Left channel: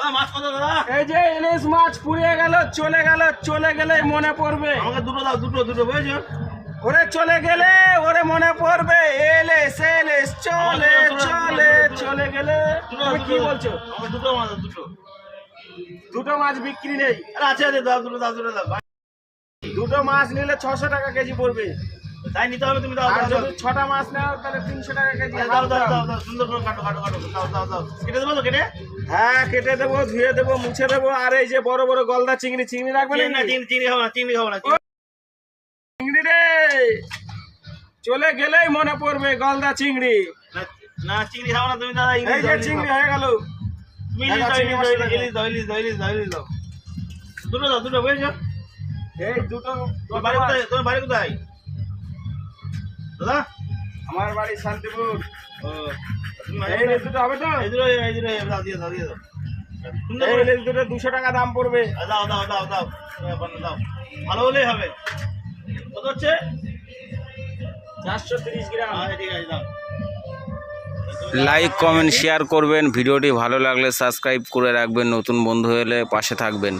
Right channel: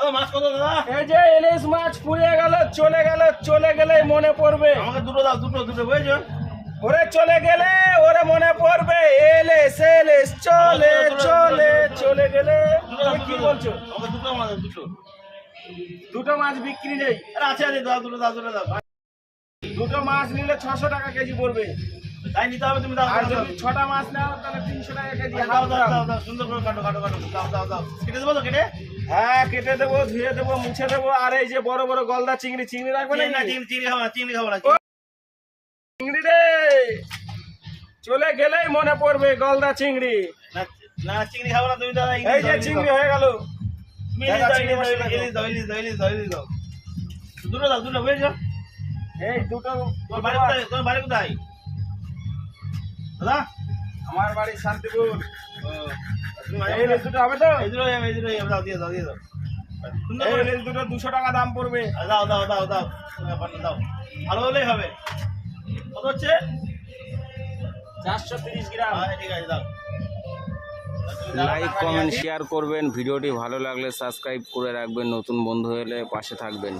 দাদা মাছ কত দাদা? এই যে ইলিশ মাছ পুড়িয়ে গেল, চলে গেলে মনে পড়বে। আমাকে দুটো দাও, দুটো বুঝেছো? ওরে চলে গেলে ওরে মনে পড়বে, এলিশ চলে গেলে। তুমি কি বলছো? আমাকে দুটো মাছ দাও, দুটো। দুটো মাছ বিক্রি নেই। আরে আছে দাও, দুটো দাও। দুটো মাছ নিলে 600 টাকা কেজি পড়বে। তাই নিতে হবে, তুমি দাও। আর যদি 6টা মাছ নাও তাহলে 300 টাকা কেজি। দাও, সুন্দর করে কাটো। দাও। কেটে দেবো তো কেটে? হ্যাঁ কেটে দেবো, ধুয়ে দেবো, মুছে দেবো। আর এই যে বড় বড় গলদা চিংড়ি রাখবে না? চিংড়ি খাবো না। চিংড়ি রে চলে গেলেই মনে পড়বে গলদা চিংড়ি। না চিংড়ি খাবো না তুমি দাদা। এই যে চিংড়ি হয়ে গেল। ইলিশ দাও। দুটো বুঝেছো? এই দুটো। তোমার বাড়ি কোথায় দাদা? আমার বাড়ি শান্তিপুর। তুমি এই ইলিশ দুটো হবে তো? এই দুটো দাও, দিয়ে দাও। এই ইলিশ দুটো 200 টাকা দাম পড়বে। দাও। ভালো হলেই হবে। কত হচ্ছে? 430 গ্রাম। ঠিক আছে, দাও। লাইক কমেন্ট শেয়ার করবেন, ভিডিওটি ভালো লাগলে সাবস্ক্রাইব করে রাখবেন, নতুন বন্ধু হলে পাশে থাকবেন।